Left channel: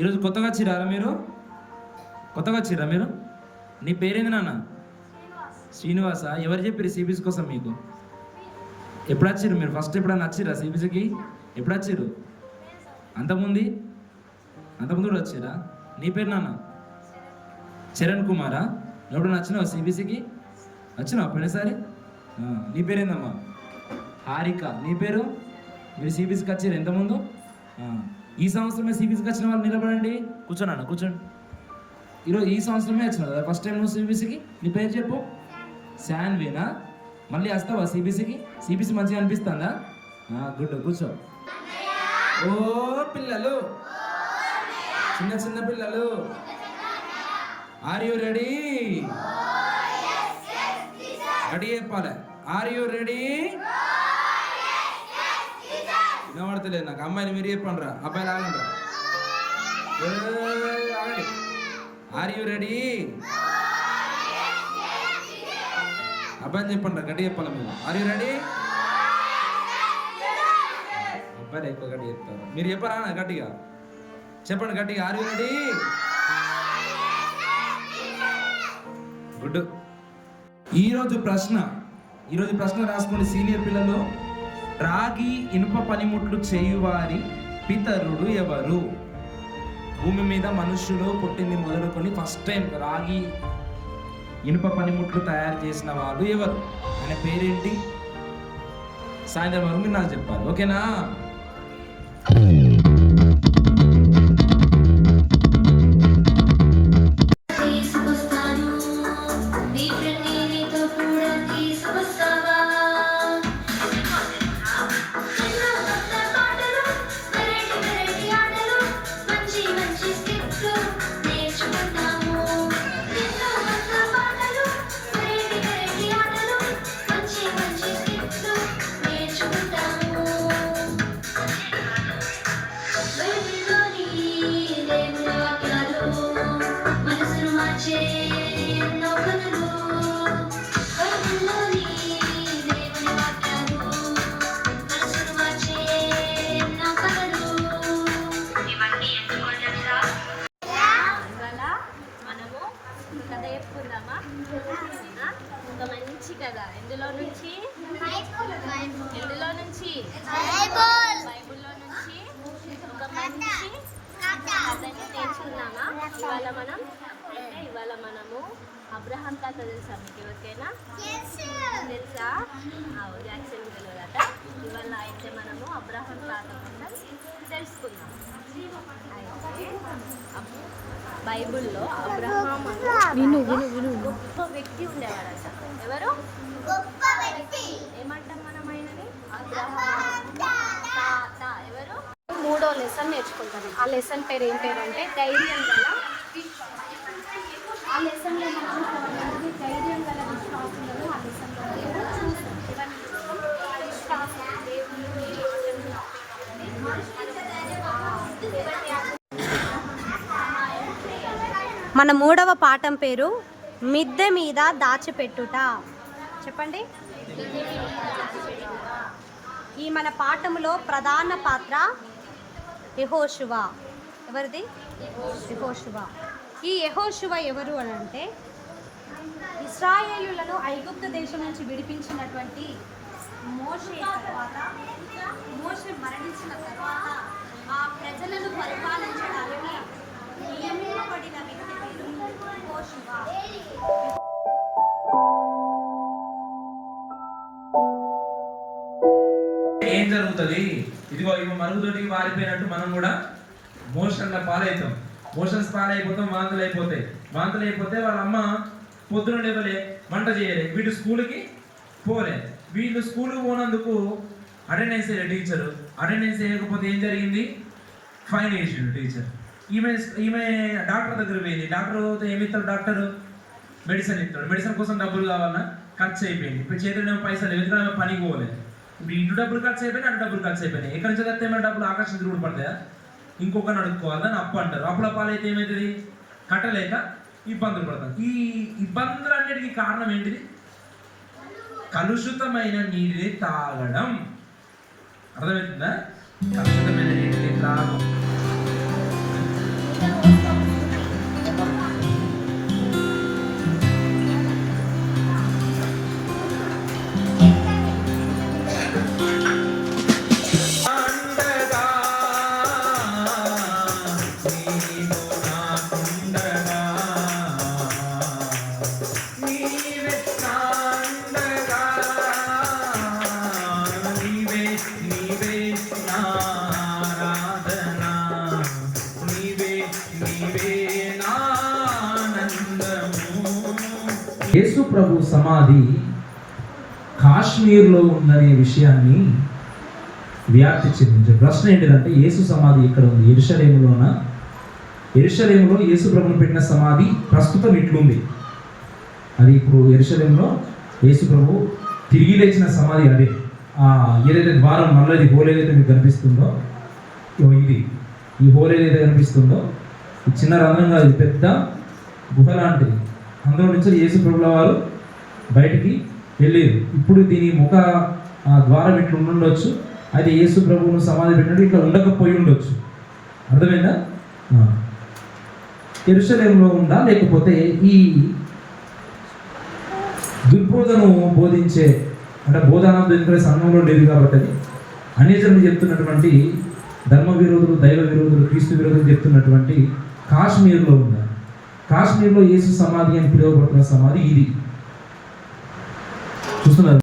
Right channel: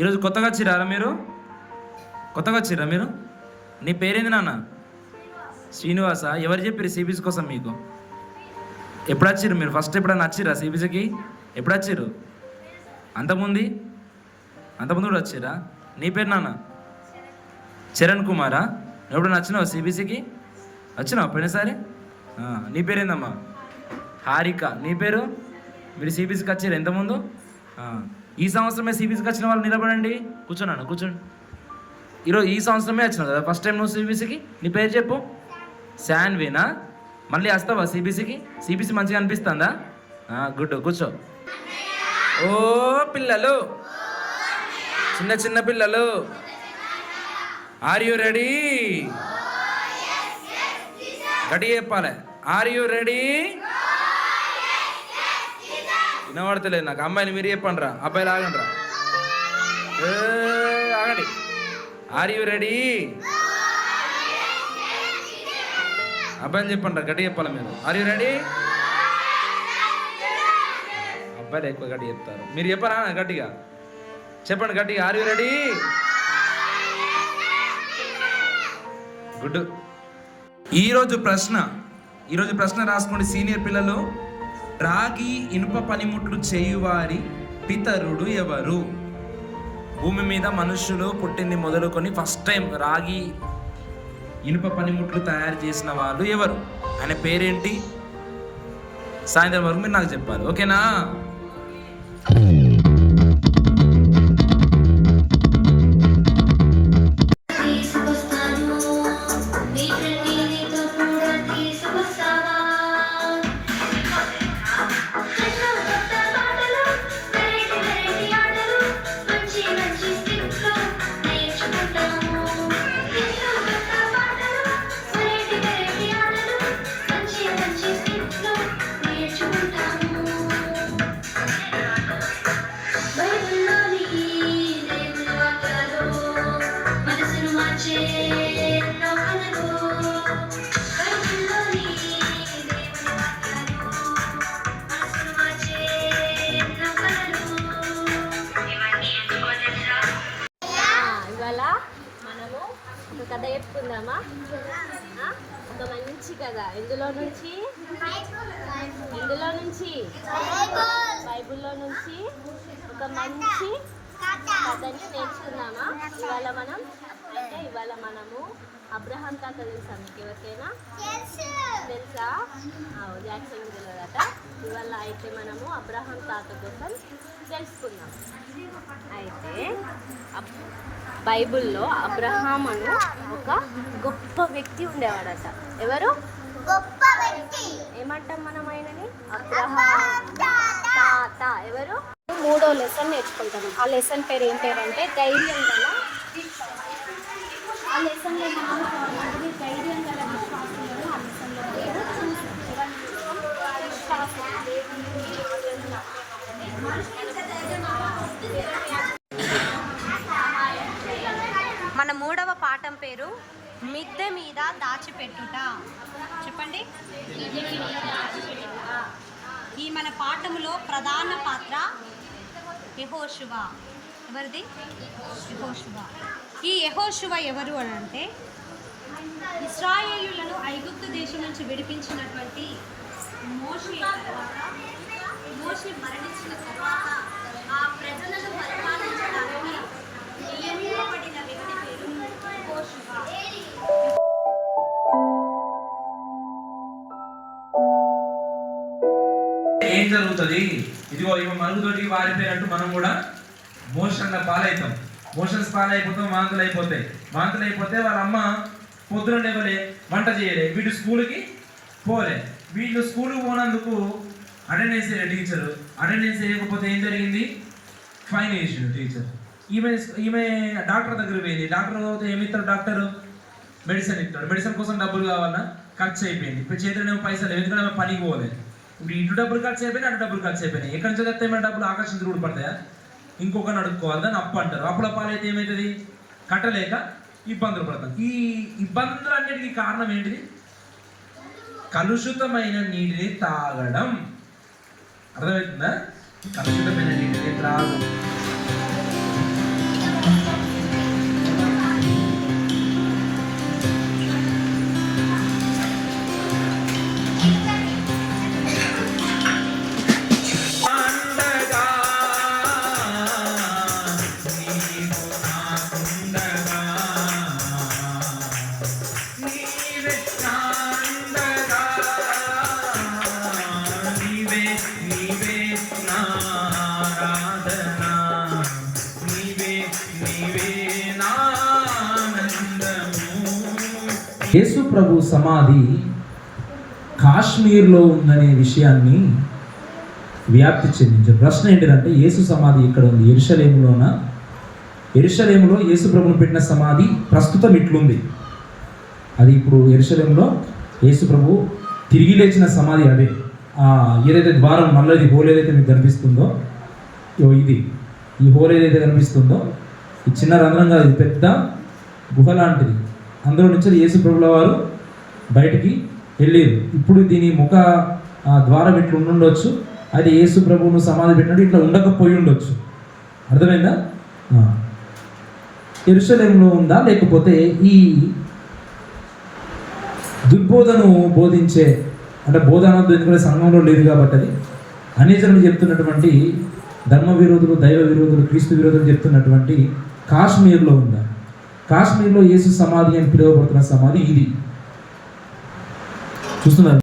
ఈరోజు కొత్తగా వచ్చిరారా మీరు? నీ పేరేంది నాన్న? శ్రీనివాస. ఎవరు చెప్పారు సిబిసి కోసం మీకు? ఎప్పుడు వచ్చిర్రు మీరు? ఫస్ట్ ఎప్పుడన్నా వచ్చిర్రా సిబిసికి? ఎప్పుడు వచ్చిర్రు? అంతకుముందు కూడా వచ్చిరా? నీ పేరు నాన్న? చరణ్ కుమారా? ఎప్పుడన్నా వచ్చినావు సిబిసికి? వచ్చినావు పోయినసారి? నీ పేరేందమ్మా? హారిక. నీ పేరు? మీరు సిబిసికి వచ్చిర్రు ఎంతముందు? ఈ సంవత్సరమే సిబిసికి వచ్చిన వాళ్ళు నిలబడండి. కూర్చోండి. ఈరోజు ఈ సంవత్సరమే వచ్చినావు కదా ఫస్ట్ టైం నువ్వు సిబిసికి? నీ పేరు చెప్పు. శాన్వీనా? మళ్ళీ వస్తావా సిబిసికి? సిబిసి మంచిగా అనిపిస్తుందా? గుడ్. కూర్చో. ఓ పిల్లలు, చిన్న పిల్లలు, ఆర్ యూ రెడీ? గట్టిగా చెప్పాలి. Are you ready? వినబడతలేదు నాకు. అమ్మాయిని మీరు చెప్పండి రా. అబ్బాయిలు ఆగండి రా. ఆగండి. Are you ready? అబ్బాయిలు చెప్పండి రా. గట్టిగా చెప్పాలి మీరు. Are you ready? అబ్బాయిలు ఎక్కువ గట్టిగా చెప్తారు. మీరు చెప్పరా గట్టిగా? చెప్పండి గట్టిగా. Are you ready? గుడ్. ఈరోజు ప్రశ్న రాసుకోండి సీనియర్ పిల్లలు. రాగి ఇనుప పనిముట్లు చేయువారి పితరుడు ఎవరు? భూమి మీద మనుషులు పుట్టింది మొదలుకొని ఫస్ట్ టైం రాగి ఇనుప పనిముట్లు తయారు చేసిన వాళ్ళు ఎవరు? ఆయన పేరేంటి? సాయంత్రం వరకు మీరు నాకు చెప్పాలి. ఓకేనా? కథ చెప్పుకుందామా? ఒక మంచి కథ. ఎందులో నుంచి? బైబిల్లో నుంచి ఒక మంచి కథని నేర్చుకుందామా? ఇవాళ మనము అబ్రహాం తాత తెలుసా మీకు? ఎవరికైనా తెలుసా? జాక్సన్ తెలియదట. ఇవాళ అయితే మనము అబ్రహాం తాత కోసం తెలుసుకుందాం. అయితే బైబిల్లో అబ్రహాం అను గొప్ప వ్యక్తి ఉండేవాడట. ఎవరు? గొప్ప వ్యక్తి. ఏమంటాం మనం ఆయనని? తాత. ఎవరు? 3వ లెసన్ నేర్చుకుంటాము. ఆ లెసన్ పేరు ఏం పేరంటే ధైర్యం గల విశ్వాసం. ఆ లెసన్లో మనము కొంతమంది ధైర్యం గల విశ్వాసంలో ఆ లెసన్లో మన 3వ పాఠం పేరు మిద్దె మీద దాచిపెట్టుట. చెప్పండి. ఈ మన పాఠములో ప్రధాన పాత్ర యెహోషువ. ఎవరిది? యెహోషువ. ఈ యెహోషువ ఎవరు అని అంటే ఇశ్రాయేలులను ఐగుప్తు దేశం నుంచి విడిపించినటువంటి మోషే తర్వాత, మోషే మరణించిన తర్వాత ఆ ప్రజలను పరిపాలించడానికి నియమింపబడిన వ్యక్తి పేరు యెహోషువ. ఏం జరుగుతుంది? ఇదిగో ఇవి మరుగుదొడికి వారిపోయినట్టు మనం కూడా మోషన్ల పాలవుతాం. మోషన్స్ పాలైపోతాం, వాంతులు అయిపోతాయి. వాంతులు అయిపోతే వాళ్ళ అమ్మ పొద్దున లేవలే, వంట చేయలే, వీళ్ళు స్కూల్కి పోలే. వీళ్ళు స్కూల్కి పోనందుకు అటెండెన్స్ వేయలే టీచరు. అటెండెన్స్ వేయకపోతే ఏం జరిగింది? ఫైన్ వేసిండు టీచర్. ఈమె ఈమె డాక్టర్ దగ్గర పోయింది. డాక్టర్ పోతే ఏమి ఇస్తాడు డాక్టరు? మెడిసిన్ ఇస్తాడు. మెడిసిన్ కోసం డబ్బులు కావాలన్నా ఖర్చు అయిపోయింది. ఇప్పుడు చేతిలో పైసలు ఎందుకంటే ఆమె పనికి పోలేదు. ఇప్పుడు ఇటు డబ్బులు ఖర్చు అయిపోయినాయి, అటు డబ్బులు ఖర్చు అయిపోయినాయి. ఎక్కడి నుంచి వస్తే మన డబ్బులు ఆకర్షించుడు పడతాయా? ఇంకొకరిని అడుక్కోవాలి, దాన్ని అప్పు అంటారు. అప్పుల పాలైతే ఏమవుతుంది? కట్టలేక ఇబ్బందులు పడతాం. ఈ ఇబ్బందులన్నిటికీ కారణం ఏంటిది? కలుషితమైన నీటిని తాగడం. అర్థమవుతుందా? కలుషితమైన నీటిని త్రాగడం. యేసు ప్రభు సమాధి కాశ్మీర్లో ఉందనే విషయాన్ని వ్యాప్తి చెందించారు. ప్రశ్న ఏంటిదంటే, యేసు సమాధి ఇక్కడ ఉంది, యెరూషలేములోన? యెరూషలేములో యేసు ప్రభువును పెట్టిన సమాధి ప్రస్తుతం ఇట్లుంది. అది ఇప్పుడు యెరూషలేములో యేసు ప్రభు తిరిగి లేచిన సమాధి అదే. ఏదైతే ద్వారం నల్లది హోల్ ఏదైతే మీకు కనిపిస్తుందో, ఇది ఈ హోల్ ఏదైతే కనిపిస్తుందో, ఈ చిన్న రంధ్రంగా ఇది పెద్ద గుహ లాంటిది. అందులో నుంచి యేసు ప్రభుల వారు బయటికి వెళ్ళేది. ఇప్పుడు దీని ముఖ ద్వారం ఇట్లా ఉండుండొచ్చు. అది యేసు ప్రభువును సమాధి పెట్టినట్టు ఇట్లా ఉండకపోయి ఉండొచ్చు. అర్థమైందా? యెరూషలేములో ఉందా, లేకపోతే ఈ దుర్బోధను బోధించే అంటే బోధన ఎందుకంటే సంఘంలో లేదు కాబట్టి అది అనేజనులు చెప్తున్నటువంటి ధర్మ విరోధులు, దైవ విరోధులు, క్రీస్తు విరోధులు చెప్తున్నటువంటి కాశ్మీర్లో ఉందా? కాశ్మీర్లో యేసు సమాధి అని పిలువబడుతున్న సమాధి ఇది. చూస్తున్నారు.